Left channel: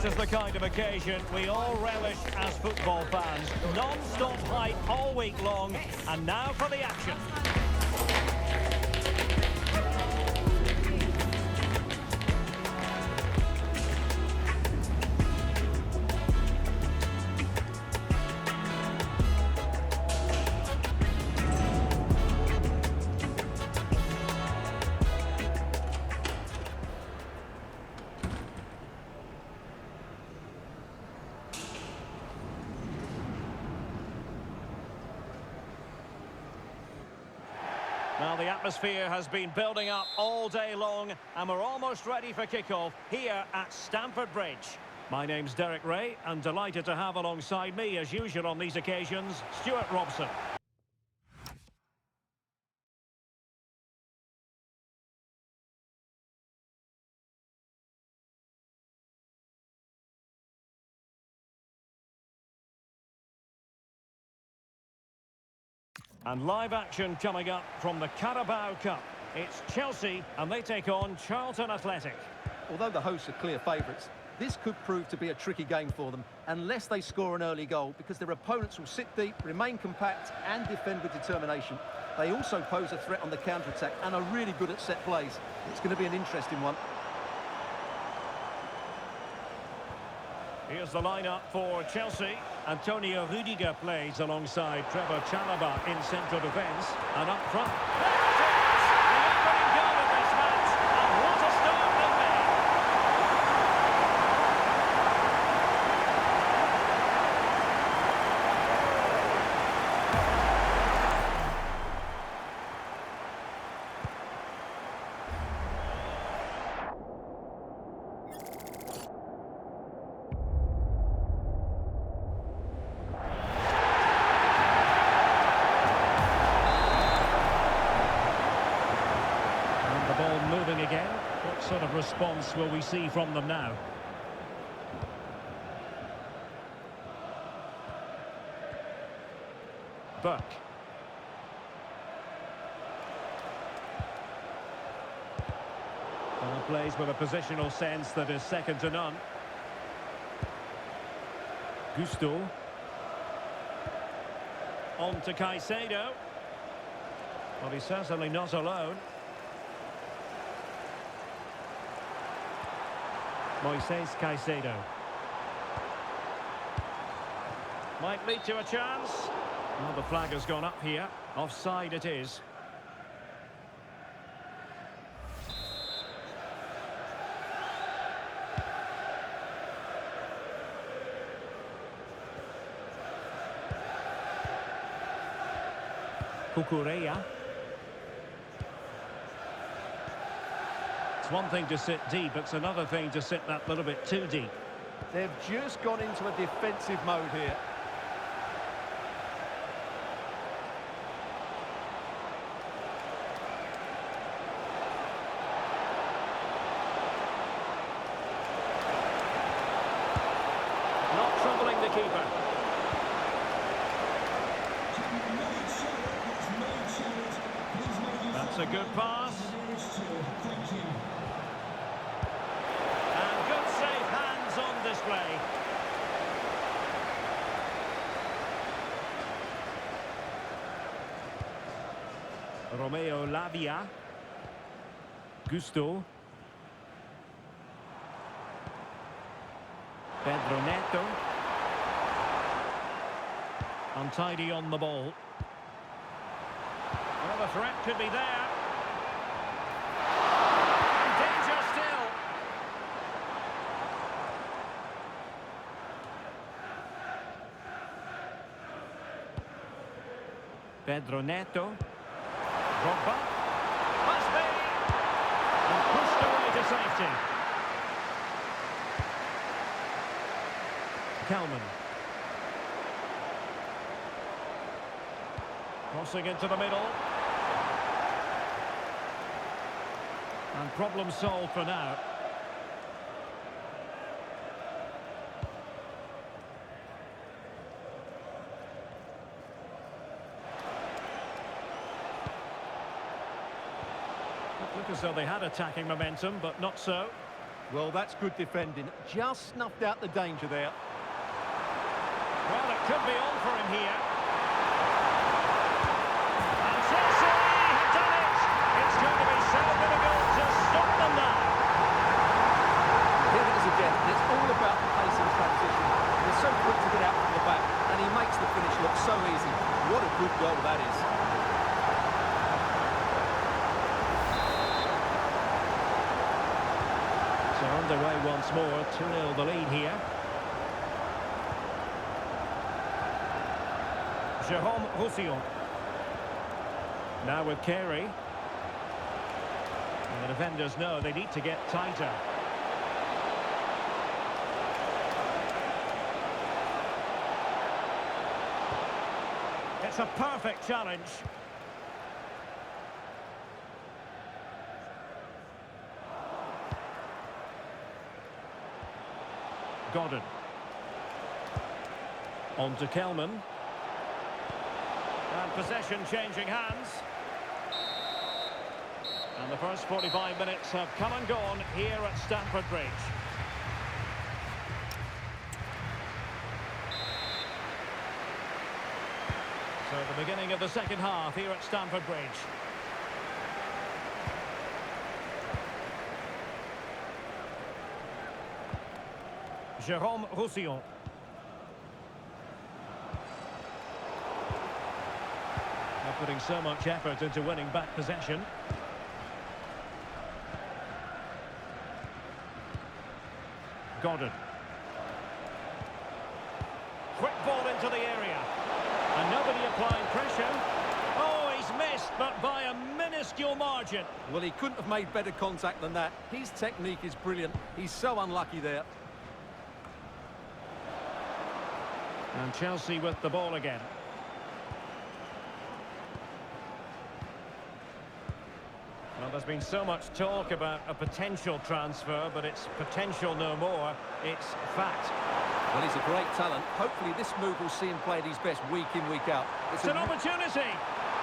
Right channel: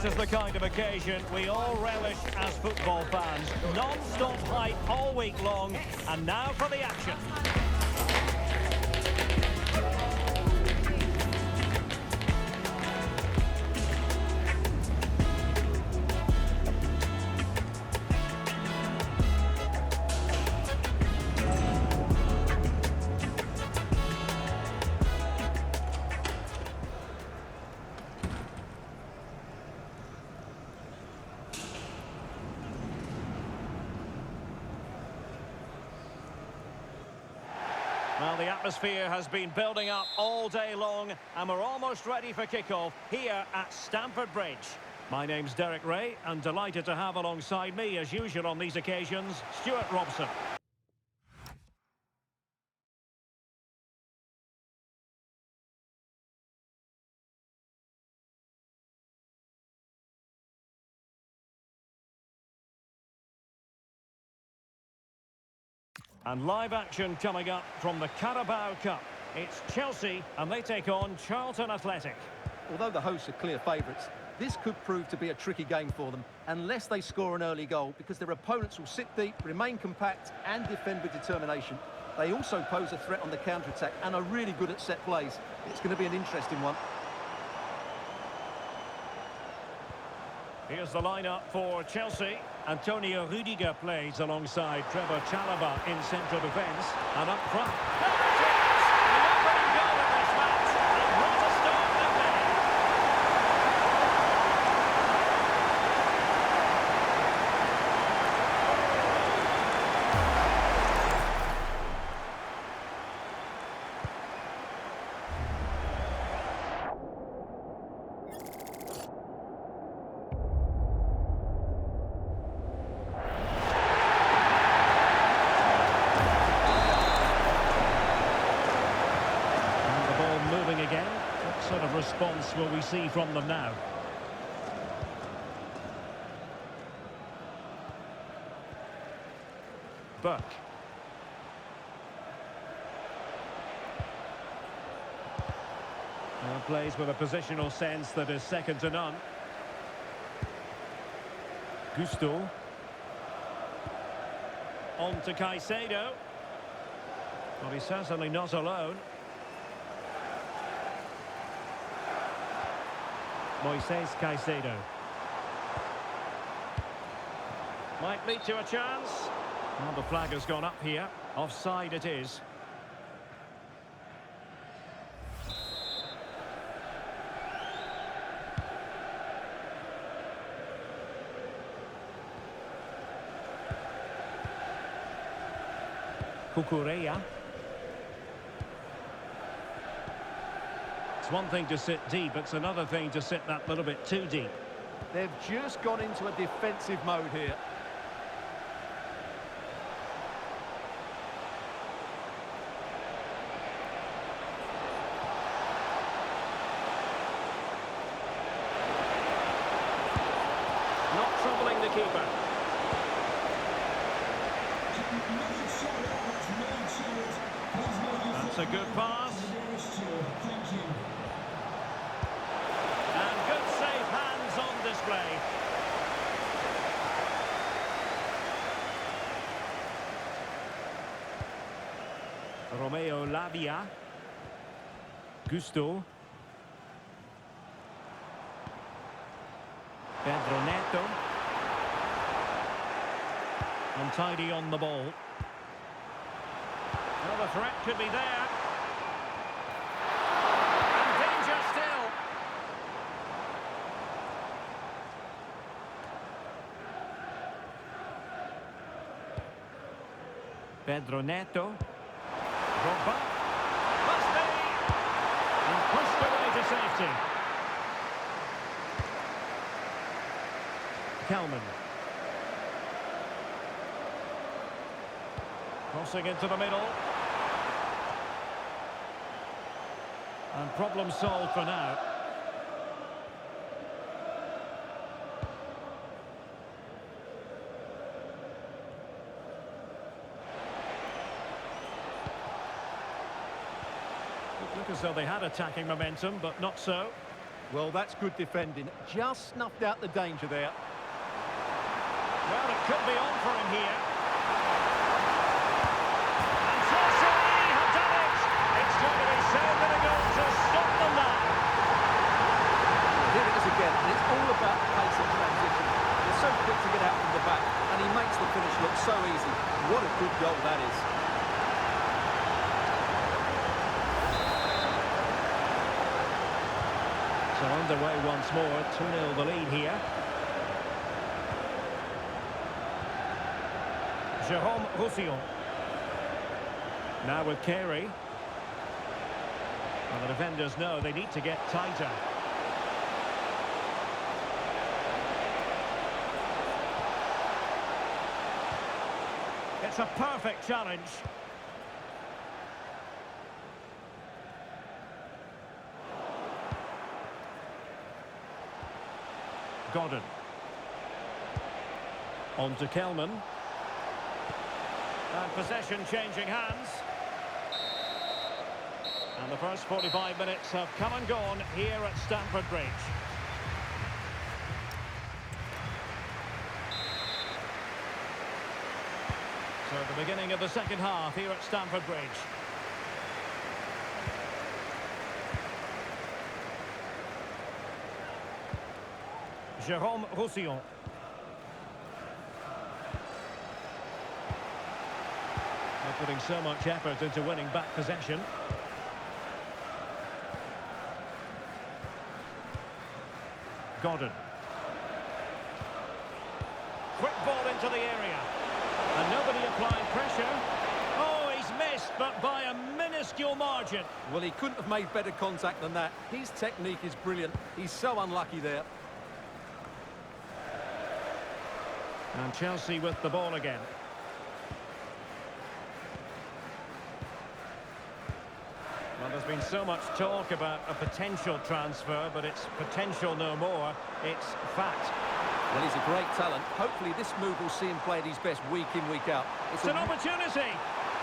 This is the kind of occasion we all relish as football fans. Non-stop hype all week long, and now for the action. Well, the atmosphere has been building up all day long, and we're almost ready for kickoff here at Stamford Bridge. My name's Derek Ray, and delighted to have alongside me, as usual on these occasions, Stuart Robson. And live action coming up from the Carabao Cup. It's Chelsea, and they take on Charlton Athletic. Although the hosts are clear favourites, this could prove to be a tricky game for them, unless they score an early goal, because their opponents will sit deep, remain compact and defend with determination. They also pose a threat on the counter-attack and are really good at set plays. It's going to be an interesting one. Here's the lineup for Chelsea. Antonio Rudiger plays alongside Trevor Chalobah in central defence. And up front, there it is! The opening goal of this match, and what a start they've made! Ball moving again. What sort of response will we see from them now? Burke. Plays with a positional sense that is second to none. Gusto. On to Caicedo. Well, he's certainly not alone. Moises Caicedo. Might lead to a chance. Well, the flag has gone up here. Offside it is. Cucurella. It's one thing to sit deep, it's another thing to sit that little bit too deep. They've just gone into a defensive mode here. Not troubling the keeper. That's a good pass. And good safe hands on display. Romeo Lavia. Gusto. Pedro Neto. Untidy on the ball. Well, the threat could be there. And danger still. Pedro Neto. Drogba. Must be. And pushed away to safety. Kelman. Crossing into the middle. And problem solved for now. Look as though they had attacking momentum, but not so. Well, that's good defending. Just snuffed out the danger there. Well, it could be on for him here. And Chelsea have done it! It's going to be so difficult to stop them now. Well, here it is again, and it's all about the pace and transition. They're so quick to get out from the back, and he makes the finish look so easy. What a good goal that is. So underway once more, 2-0 the lead here. Jérôme Roussillon. Now with Carey. And the defenders know they need to get tighter. It's a perfect challenge. Godden. On to Kelman. And possession changing hands. And the first 45 minutes have come and gone here at Stamford Bridge. So the beginning of the second half here at Stamford Bridge. Jérôme Roussillon. They're putting so much effort into winning back possession. Godden. Quick ball into the area. And nobody applying pressure. Oh, he's missed, but by a minuscule margin. Well, he couldn't have made better contact than that. His technique is brilliant. He's so unlucky there. And Chelsea with the ball again. Well, there's been so much talk about a potential transfer, but it's potential no more. It's fact. Well, he's a great talent. Hopefully this move will see him play at his best week in, week out. It's an opportunity.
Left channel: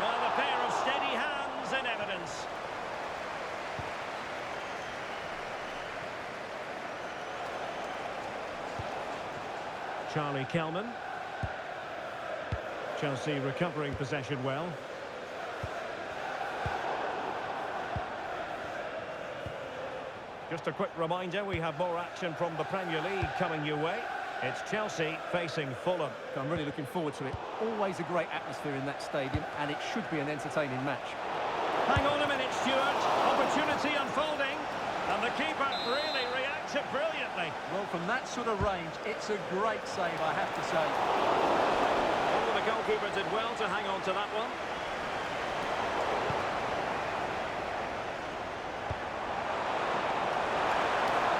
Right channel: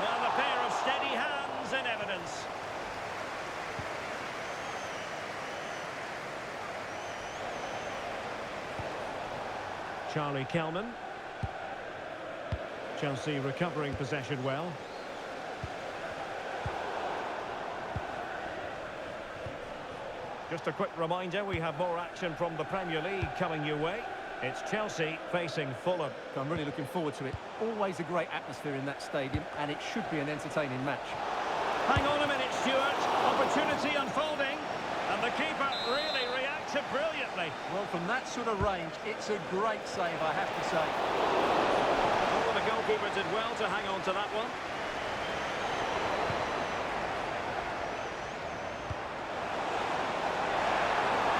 Well, a pair of steady hands in evidence. Charlie Kelman. Chelsea recovering possession well. Just a quick reminder, we have more action from the Premier League coming your way. It's Chelsea facing Fulham. I'm really looking forward to it. Always a great atmosphere in that stadium, and it should be an entertaining match. Hang on a minute, Stuart. Opportunity unfolding. And the keeper really reacted brilliantly. Well, from that sort of range, it's a great save, I have to say. Oh, the goalkeeper did well to hang on to that one.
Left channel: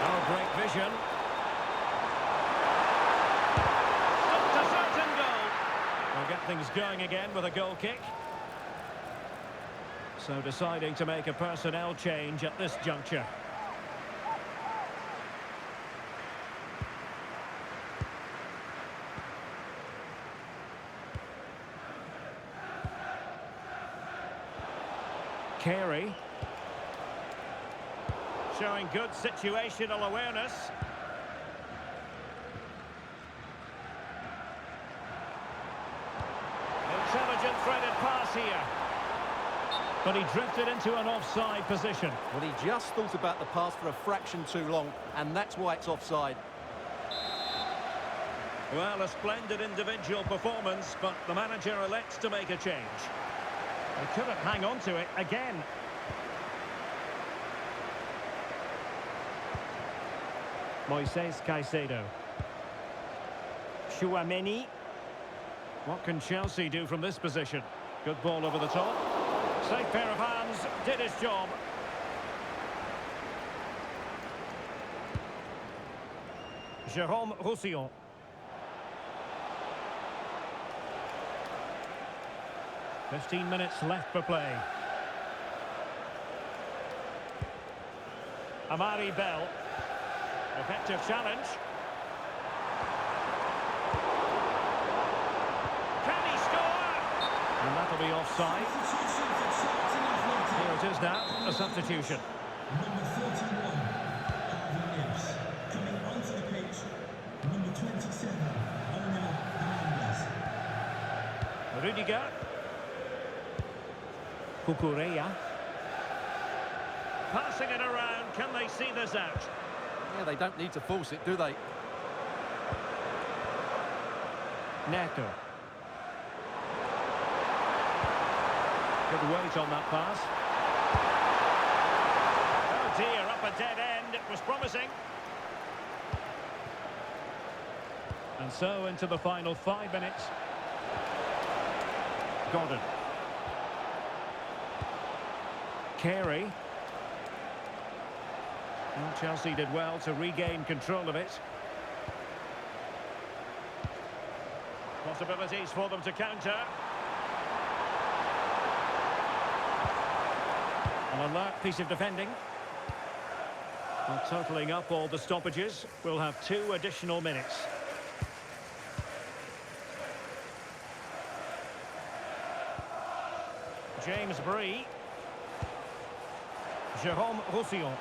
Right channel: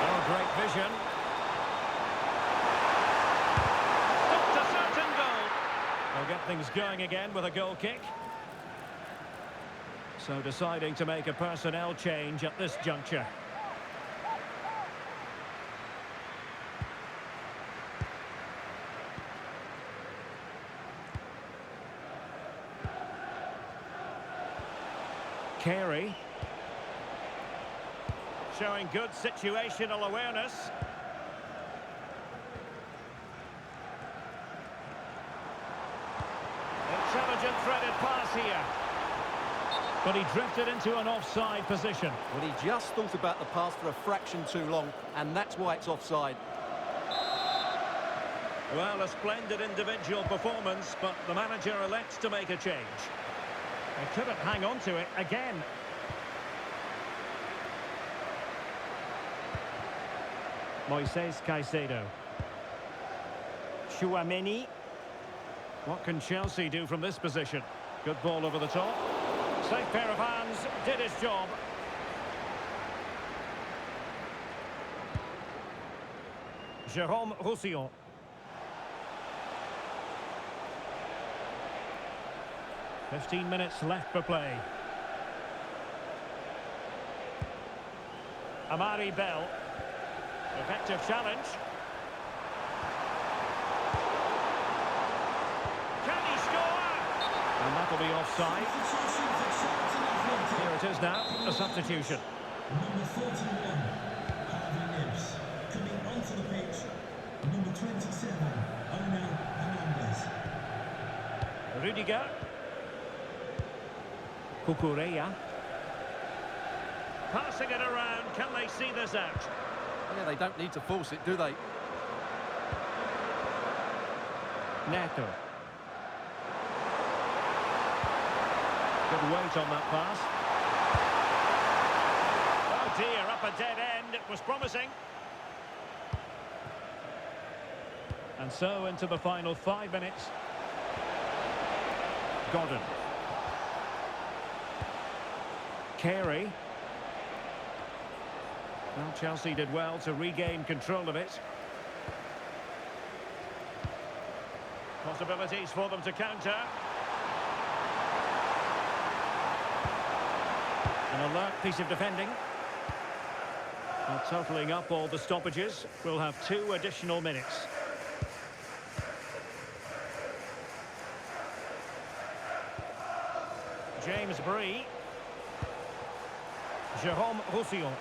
Oh, great vision. Stopped a certain goal. They'll get things going again with a goal kick. So deciding to make a personnel change at this juncture. Carey. Showing good situational awareness. Intelligent threaded pass here. But he drifted into an offside position. Well, he just thought about the pass for a fraction too long, and that's why it's offside. Well, a splendid individual performance, but the manager elects to make a change. They couldn't hang on to it again. Moises Caicedo. Chouameni. What can Chelsea do from this position? Good ball over the top. Safe pair of hands, did his job. Jérôme Roussillon. "15 minutes left for play. Amari Bell. Effective challenge. Can he score? And that'll be offside. Here it is now, a substitution. Number 41, Coming onto the pitch, number 27, Onel Hernandez. Rudiger. Cucurella. Passing it around, can they see this out? Yeah, they don't need to force it, do they? Neto. Good weight on that pass. Oh dear, up a dead end. It was promising. And so into the final 5 minutes. Gordon. Carey. Well, Chelsea did well to regain control of it. Possibilities for them to counter. An alert piece of defending. Well, totalling up all the stoppages, we'll have 2 additional minutes. James Bree. Jérôme Roussillon.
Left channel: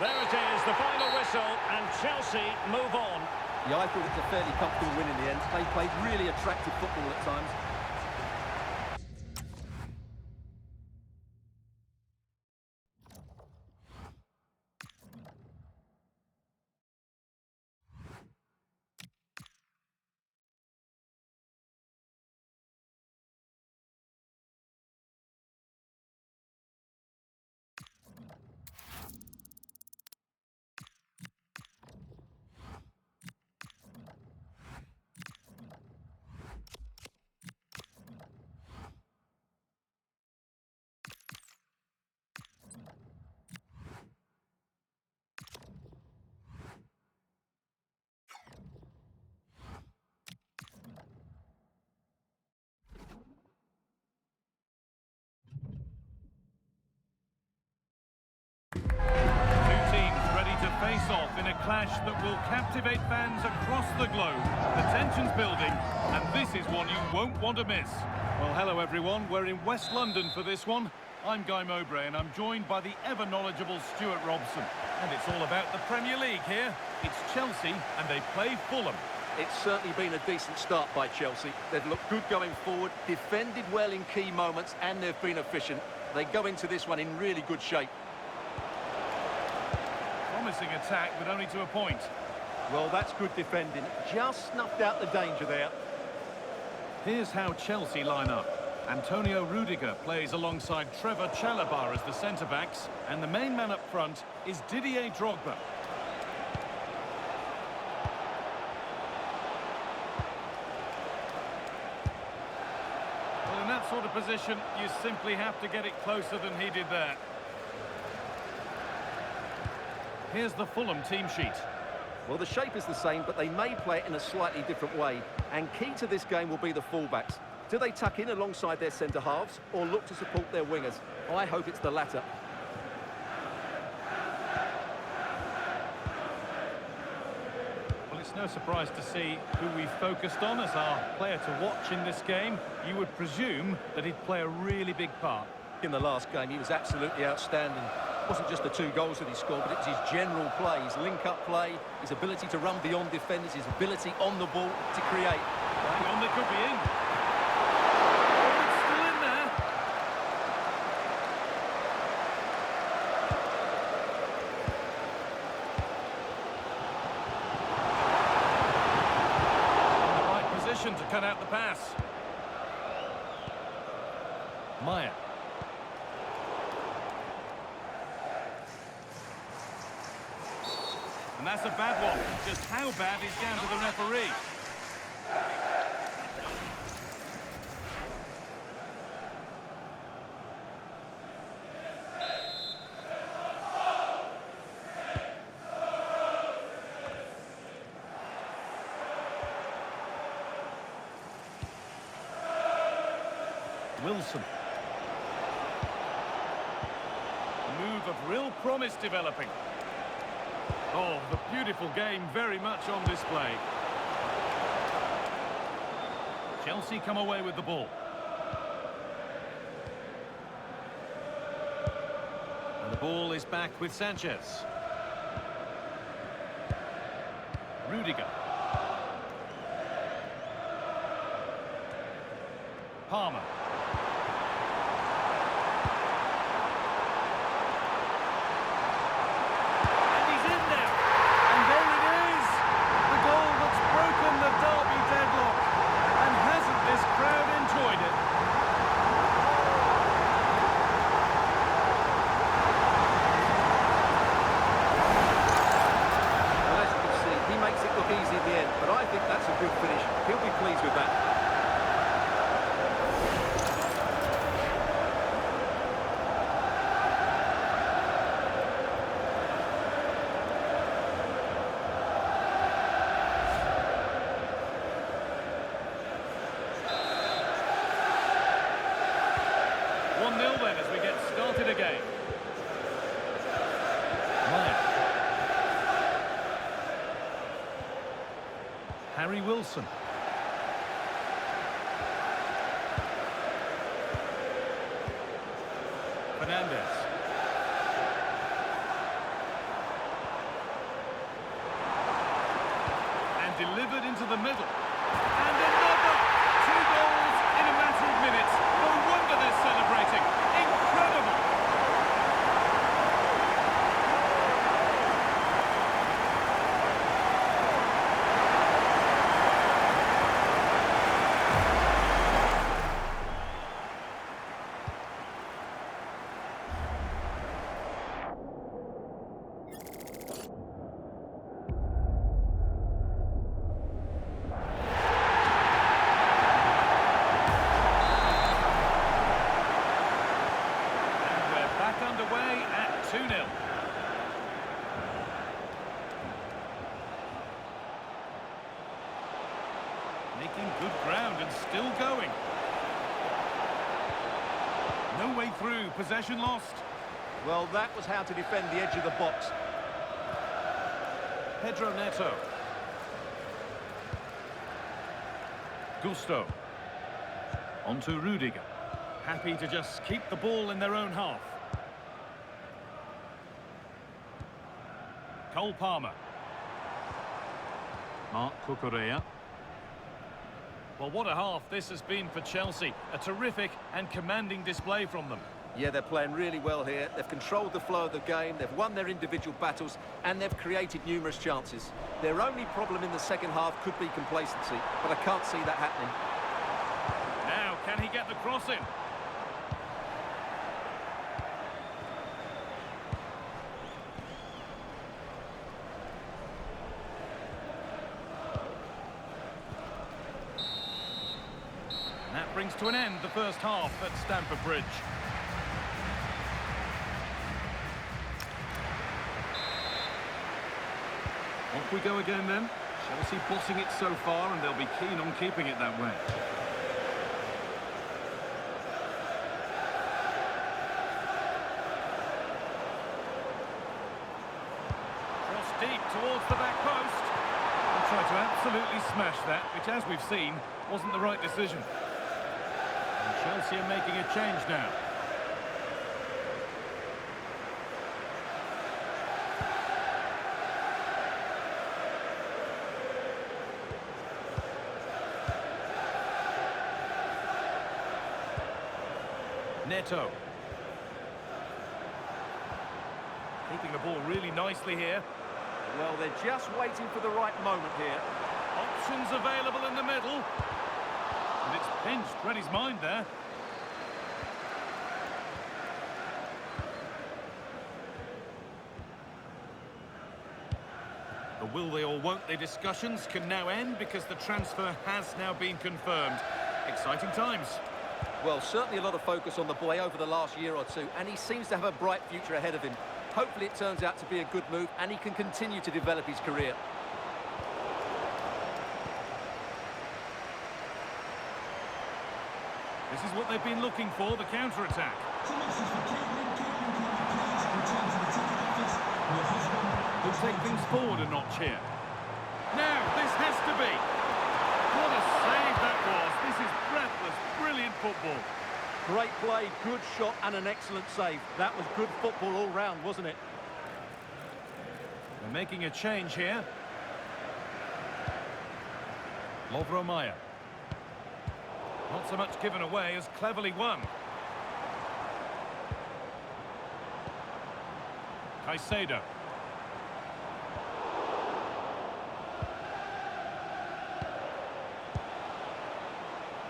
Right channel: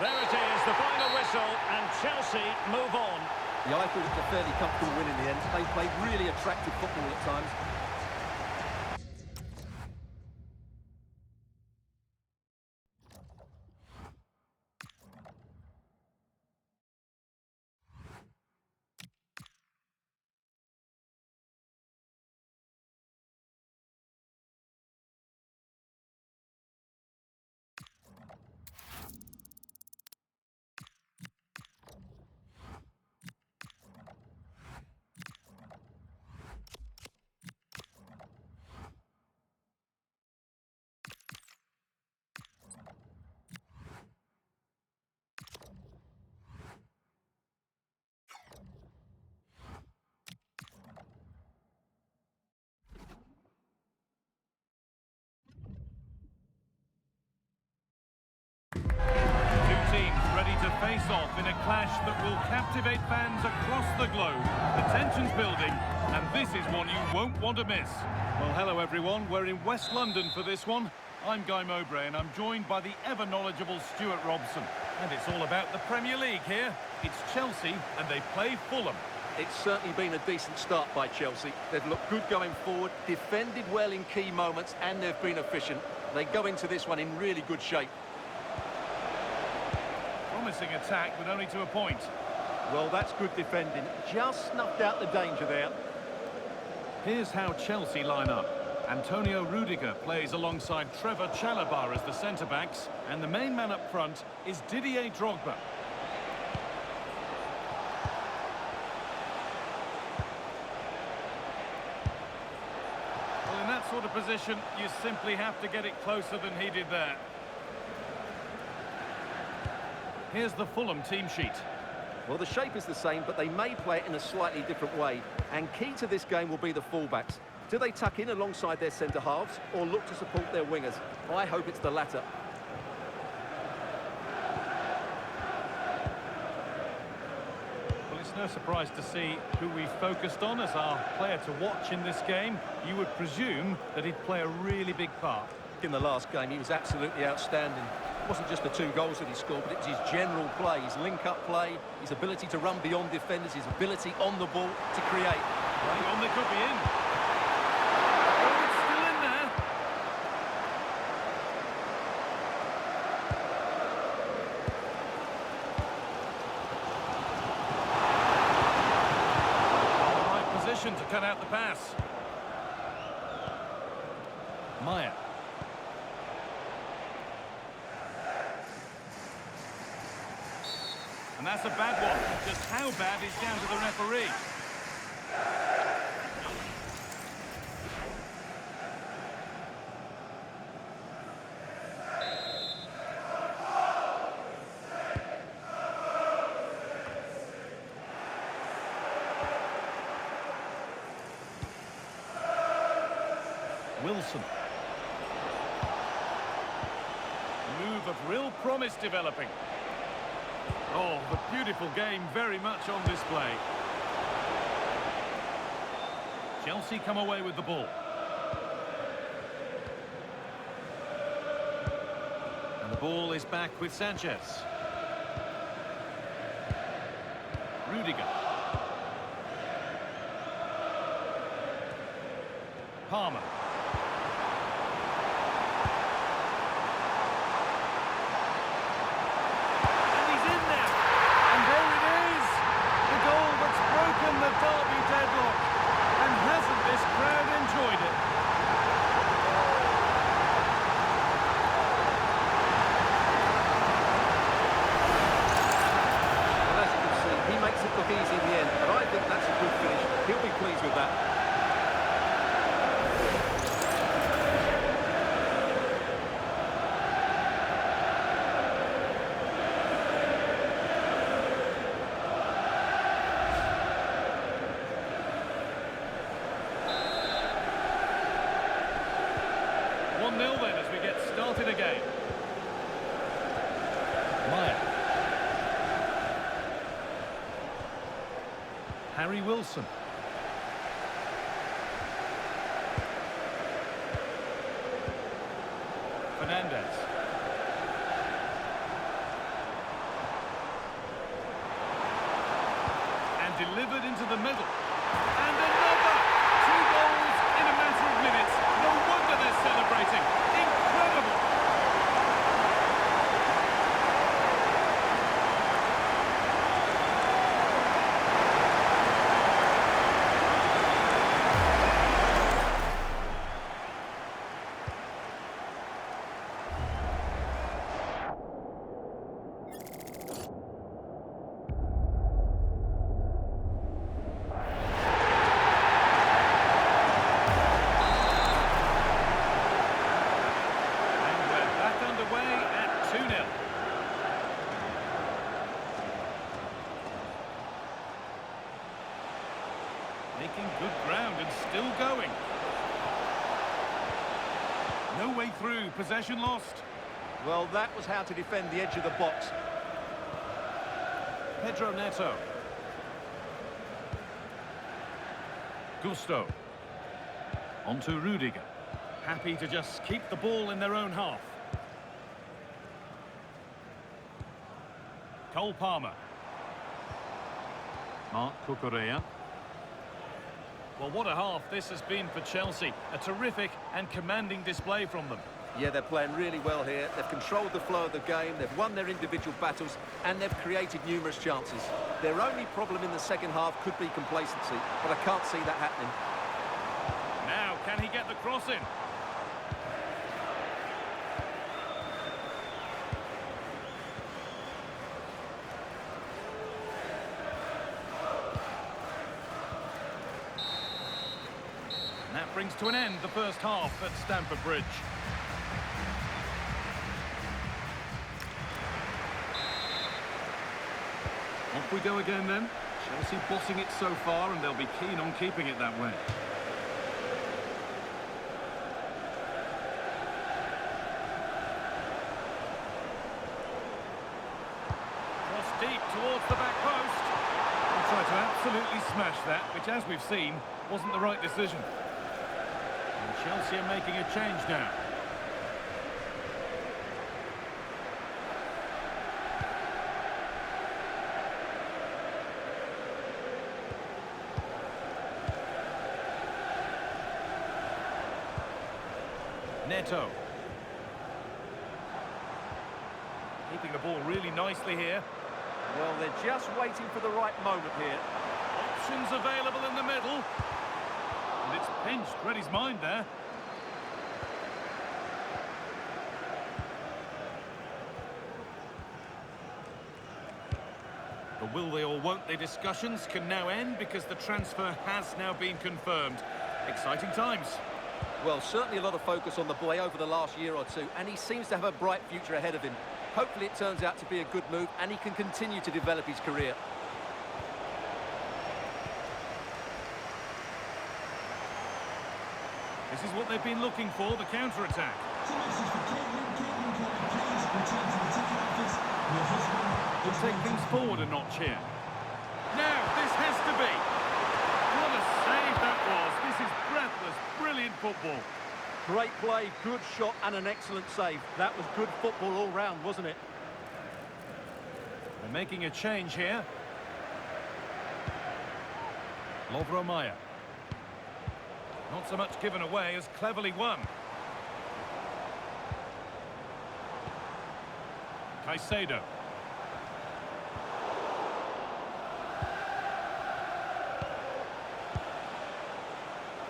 There it is, the final whistle, and Chelsea move on. Yeah, I thought it was a fairly comfortable win in the end. They played really attractive football at times. To face off in a clash that will captivate fans across the globe. The tension's building, and this is one you won't want to miss. Well, hello everyone. We're in West London for this one. I'm Guy Mowbray, and I'm joined by the ever-knowledgeable Stuart Robson. And it's all about the Premier League here. It's Chelsea, and they play Fulham. It's certainly been a decent start by Chelsea. They've looked good going forward, defended well in key moments, and they've been efficient. They go into this one in really good shape. Promising attack, but only to a point. Well, that's good defending. Just snuffed out the danger there. Here's how Chelsea line up. Antonio Rudiger plays alongside Trevor Chalobah as the centre-backs, and the main man up front is Didier Drogba. Well, in that sort of position, you simply have to get it closer than he did there. Here's the Fulham team sheet. Well, the shape is the same, but they may play it in a slightly different way. And key to this game will be the fullbacks. Do they tuck in alongside their centre-halves or look to support their wingers? I hope it's the latter. Well, it's no surprise to see who we focused on as our player to watch in this game. You would presume that he'd play a really big part. In the last game, he was absolutely outstanding. It wasn't just the 2 goals that he scored, but it was his general play, his link-up play, his ability to run beyond defenders, his ability on the ball to create. Hang on, they could be in. Oh, it's still in there. In the right position to cut out the pass. Maya. And that's a bad one. Just how bad is down to the referee. Wilson. A move of real promise developing. Oh, the beautiful game very much on display. Chelsea come away with the ball. And The ball is back with Sanchez. Rudiger. Palmer. And he's in now. And there it is! The goal that's broken the derby deadlock. And hasn't this crowd enjoyed it? Well, as you can see, he makes it look easy in the end, but I think that's a good finish. He'll be pleased with that. Nil then as we get started again. Maya. Harry Wilson. Fernandez. And delivered into the middle. And another! 2 goals in a matter of minutes. No wonder they're celebrating. Incredible! Underway at 2-0. Making good ground and still going. No way through, possession lost. Well, that was how to defend the edge of the box. Pedro Neto. Gusto. On to Rudiger. Happy to just keep the ball in their own half. Cole Palmer. Marc Cucurella. Well, what a half this has been for Chelsea. A terrific and commanding display from them. Yeah, they're playing really well here. They've controlled the flow of the game, they've won their individual battles, and they've created numerous chances. Their only problem in the second half could be complacency, but I can't see that happening. Now, can he get the cross in? And that brings to an end the first half at Stamford Bridge. Off we go again then. Chelsea bossing it so far, and they'll be keen on keeping it that way. Cross deep towards the back post. He tried to absolutely smash that, which, as we've seen, wasn't the right decision. And Chelsea are making a change now. Neto. Keeping the ball really nicely here. Well, they're just waiting for the right moment here. Options available in the middle. And it's pinched, read his mind there. The will they or won't they discussions can now end because the transfer has now been confirmed. Exciting times. Well, certainly a lot of focus on the boy over the last year or two, and he seems to have a bright future ahead of him. Hopefully it turns out to be a good move, and he can continue to develop his career. This is what they've been looking for, the counter-attack. It's a message for Caitlin. Caitlin, can you please return to the ticket office? Your husband We'll take things forward a notch here. Now, this has to be. What a save that was. This is breathless, brilliant football. Great play, good shot and an excellent save. That was good football all round, wasn't it? They're making a change here. Lovromaya. Not so much given away as cleverly won. Caicedo.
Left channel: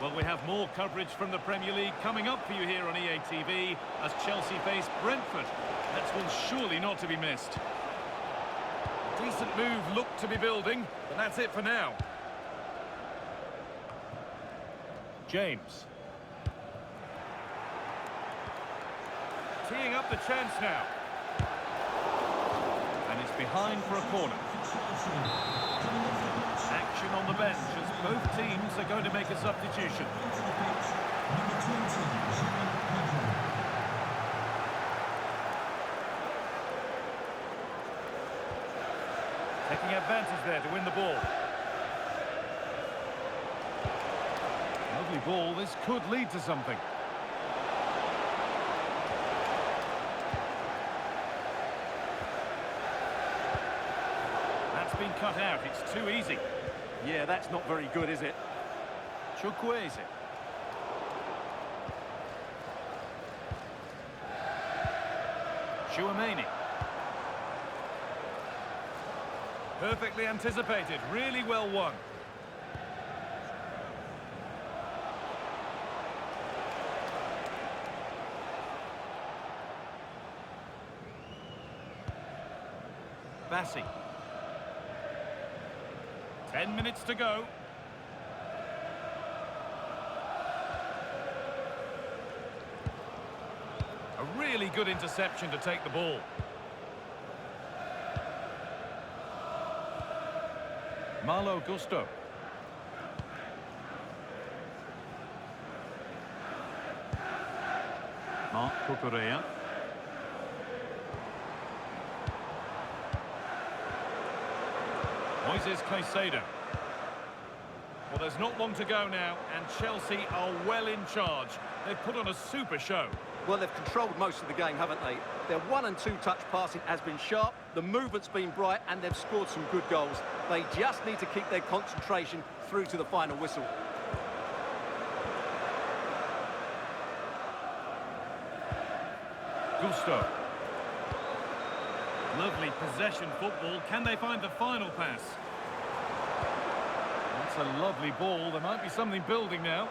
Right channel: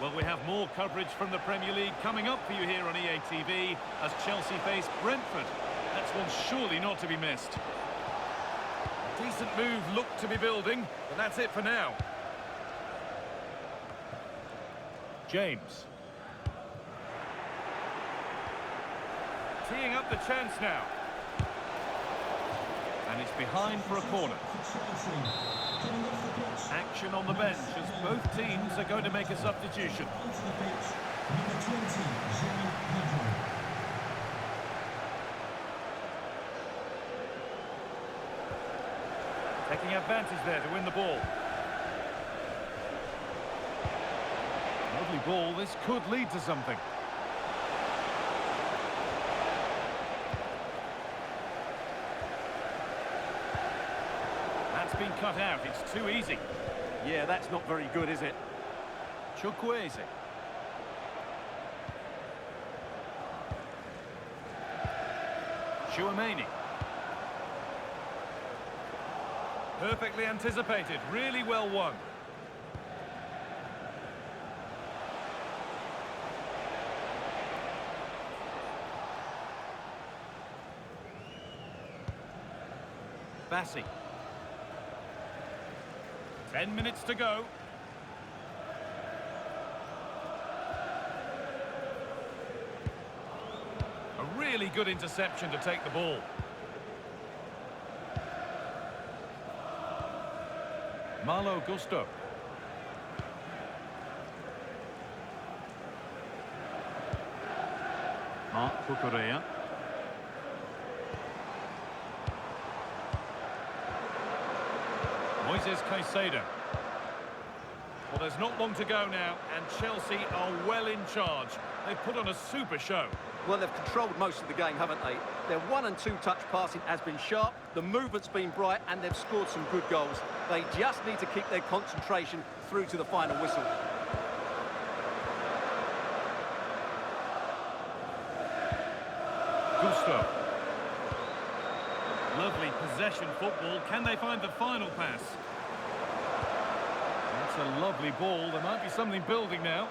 Well, we have more coverage from the Premier League coming up for you here on EA TV as Chelsea face Brentford. That's one surely not to be missed. A decent move looked to be building, but that's it for now. James. Teeing up the chance now. And it's behind for a corner. Action on the bench as both teams are going to make a substitution. Taking advantage there to win the ball. Lovely ball, this could lead to something. That's been cut out, it's too easy. Yeah, that's not very good, is it? Chukwueze. Chouameni. Perfectly anticipated, really well won. Bassi. 10 minutes to go. A really good interception to take the ball. Malo Gusto. Marc Cucurella. Moises Caicedo. Well, there's not long to go now, and Chelsea are well in charge. They've put on a super show. Well, they've controlled most of the game, haven't they? Their 1- and 2-touch passing has been sharp, the movement's been bright, and they've scored some good goals. They just need to keep their concentration through to the final whistle. Gusto. Lovely possession football. Can they find the final pass? That's a lovely ball. There might be something building now.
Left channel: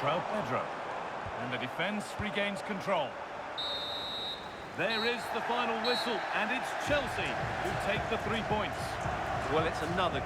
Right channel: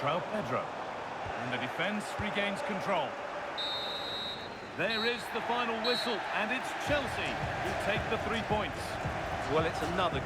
João Pedro. And the defence regains control. There is the final whistle, and it's Chelsea who take the 3 points. Well, it's another